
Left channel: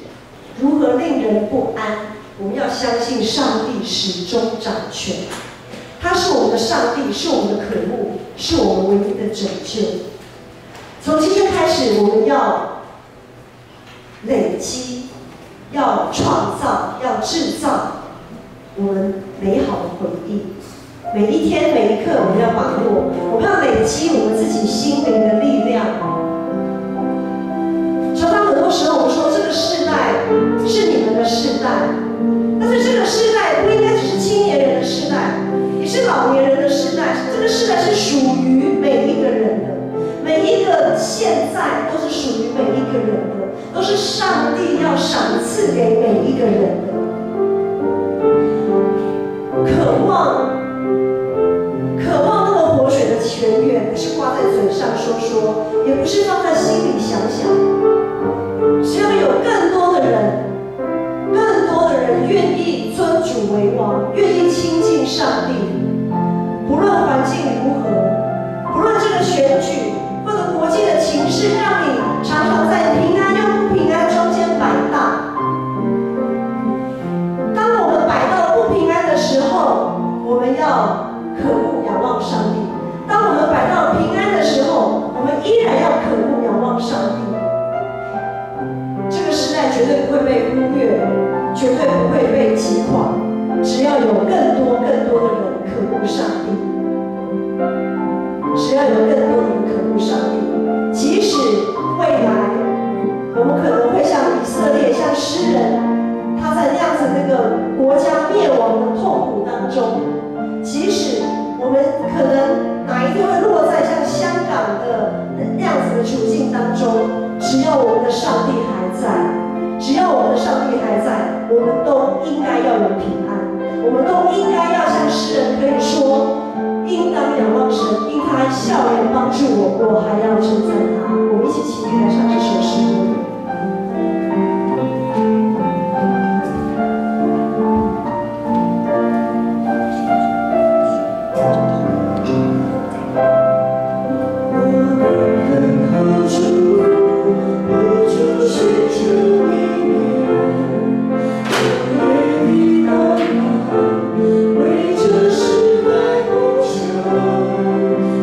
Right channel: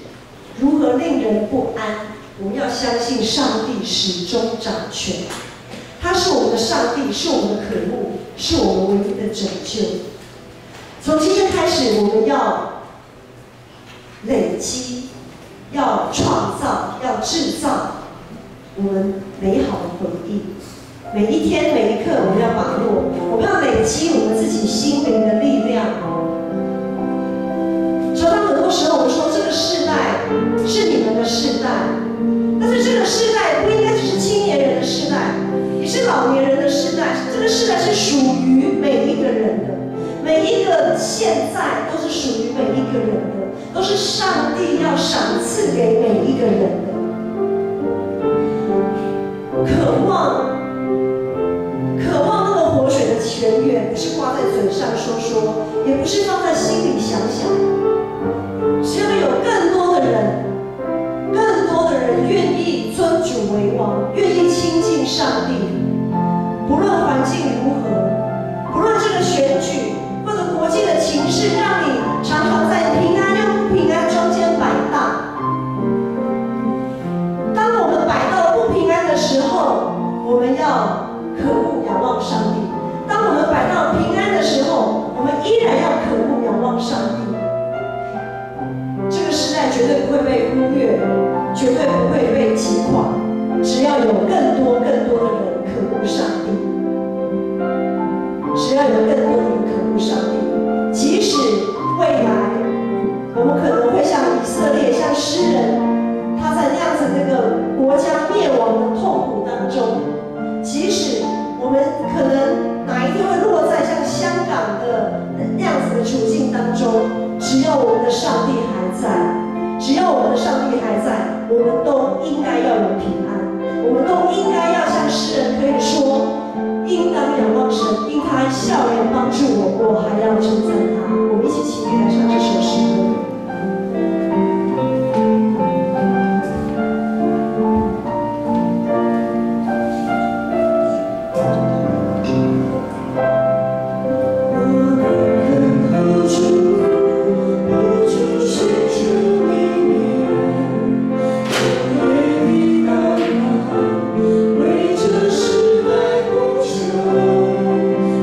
如何令人不安，我们要相信上帝始终掌权。他是我们的上帝，是我们的渴慕，是我们唯一的拯救。从今天开始，我们要累积，要创造，要制造我们美好的回忆。每一天每一刻，我们要把握，我们要累积我们自己心灵的力量。常常很多时候，我们说这个世代是你们的世代，但是这个世代不应该只是青年人的世代，也是老年人的世代。这个世代是属于每一个人的，每一个现在都是属于每一个人的，都是上帝要赏赐给每一个人的。渴望那个活水的泉源，不是挂在嘴上说说，也不是放在心里想想。只要有更多的人愿意尊主为王，愿意亲近上帝，不论环境如何，不论这个选举或者国际的情势，让你常常在平安又不平安中间摆荡。当我们摆到不平安的时候，我们要渴慕仰望上帝；当我们摆到平安的时候，我们依然要渴慕仰望上帝。这个时代绝对不会被忽略，绝对不会被击垮。只要有更多的人渴慕上帝，只要有更多的人渴慕上帝，即使未来我们可能会像以色列，像诗人，他在那样子那个国家灭亡的痛苦当中，即使我们可能哪一天会落在像香港的那样子的处境当中，只要我们的上帝还在，只要我们的上帝还在，我们都应该要有平安，我们都应该要像诗人可以说，应当仰望神，因他笑脸帮助我，我还要称赞他。我们一起起立来唱这首诗歌。为这时代不朽，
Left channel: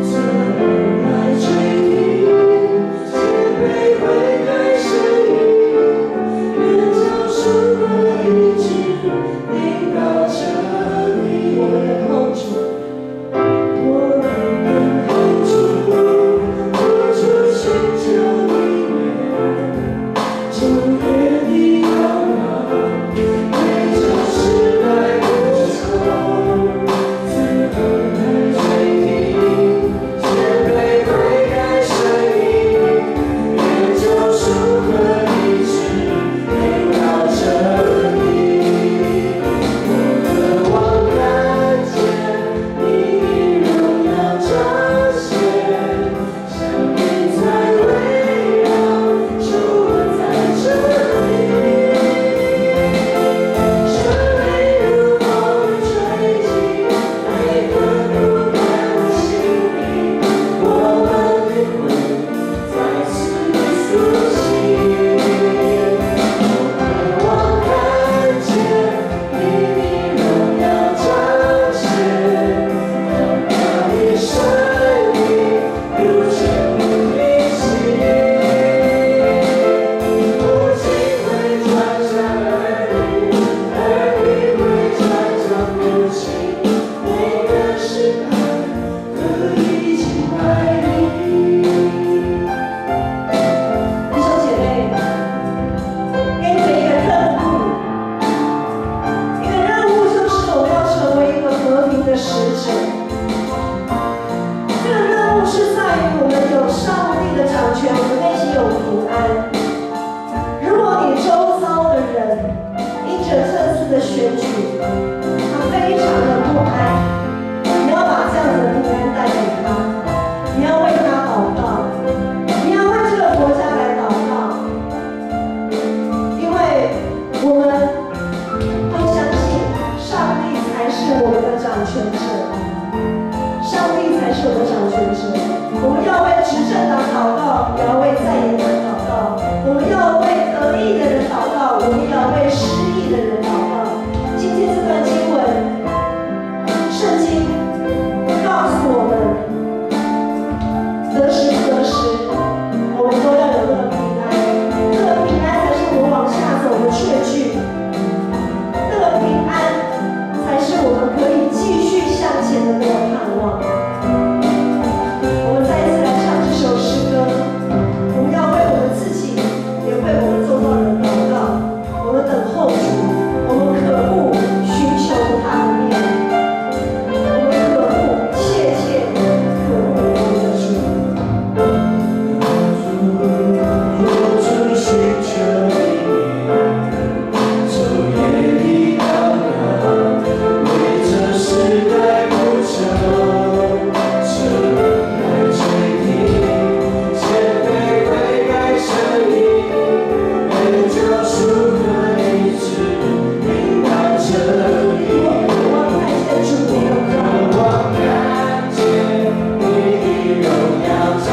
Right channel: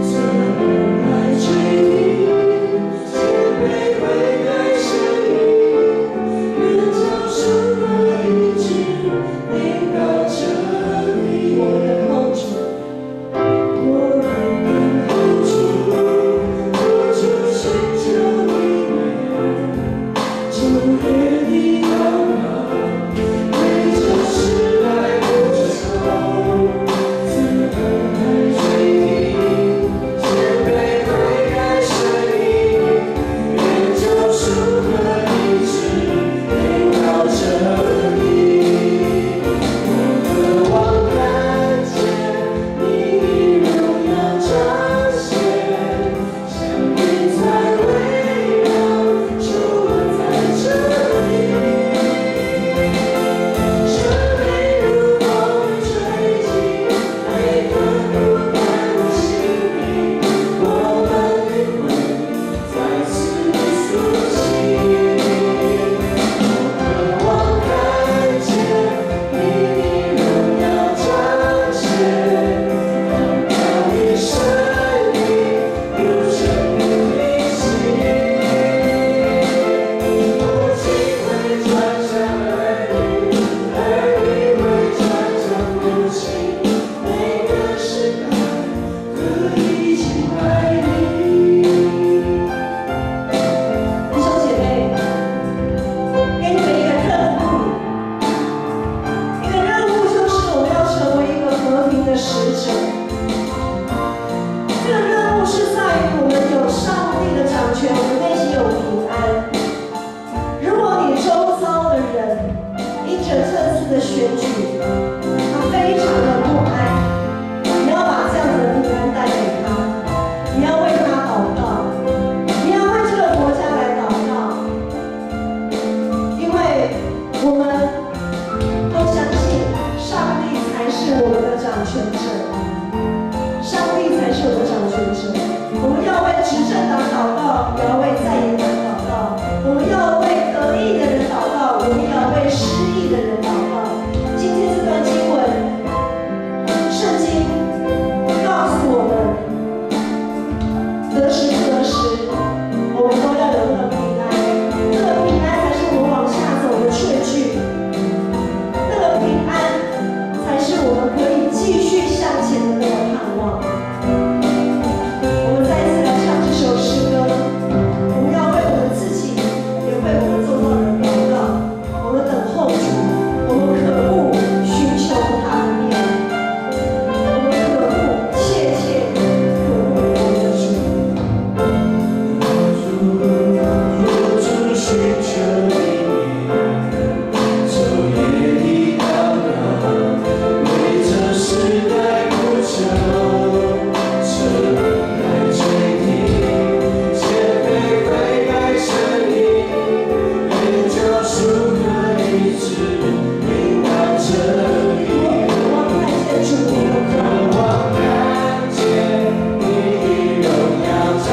怎而来追权者，上帝才是我们的掌权者。我们要为执政党祷告，也要为在野党祷告。我们要为得意的人祷告，我们也要为失意的人祷告。今天这段经文，圣经告诉我们，得时不得时，我们都要有那个平安。那个平安才是我们往下走的确据。那个平安才是我们可以继续向前的那个盼望。我们再一次来唱这首诗歌，我们要为我们自己，也为我们周遭人祷告。我们等候主，我们渴慕寻求他的面，我们渴慕切切渴慕我们的主。主寻求你面，昼夜的祷告，为这时代不朽，这来垂听，谦卑悔改声音，愿救赎和医治，明白真理。我看见主的荣耀。我看见你的荣耀彰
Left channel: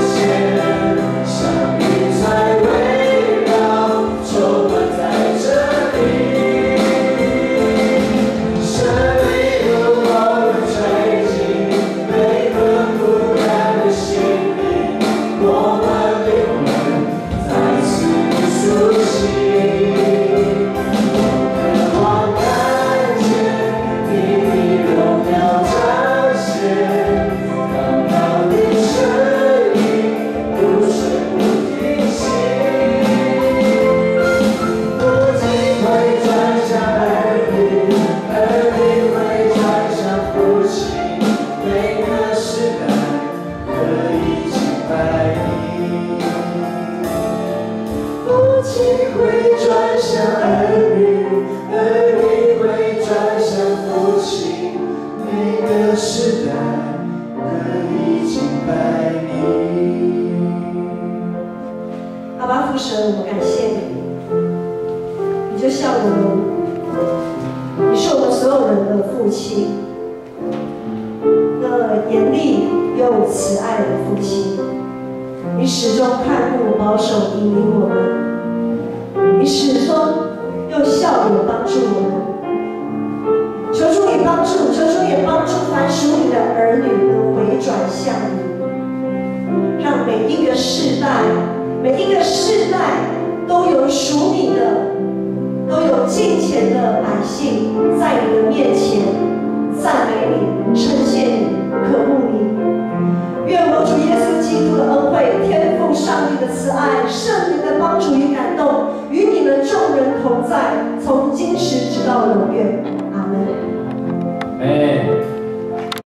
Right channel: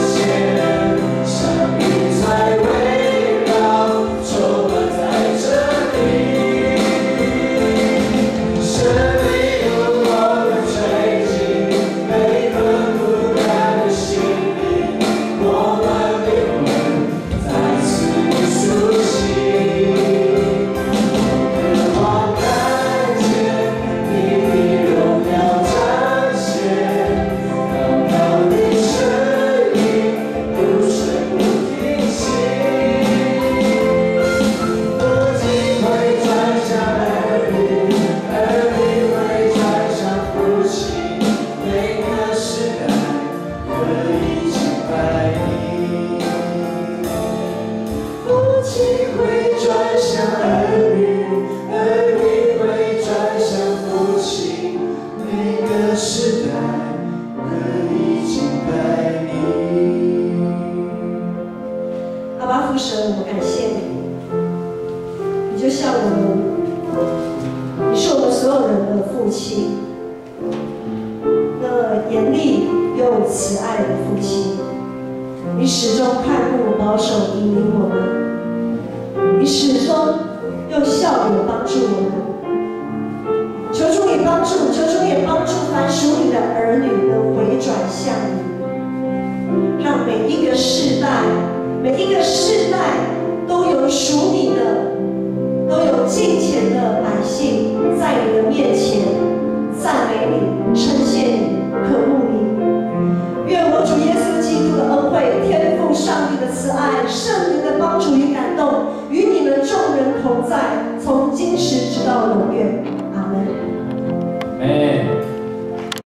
显，像云彩围绕，充满在这里。生命如风吹进每个不甘的心灵，我们灵魂再次苏醒。渴望看见你的荣耀彰显，刚刚的声音不声不停息，不仅会转向儿女，儿女会转向父亲，每个时代可以敬拜你。父亲会转向儿女，儿女会转向父亲，每个时代可以敬拜你。阿爸父神，我们感谢你，你就像我们，你是我们所有人的父亲，那严厉又慈爱的父亲。你始终看顾、保守、引领我们，你始终用笑脸帮助我们。求主你帮助，求主也帮助凡属你的儿女能回转向你，让每一个世代。每一个世代都有属你的，都有敬虔的百姓在你的面前赞美你、称谢你、渴慕你。愿我主耶稣基督的恩惠、天父上帝的慈爱、圣灵的帮助与感动，与你们众人同在，从今时直到永远。阿门。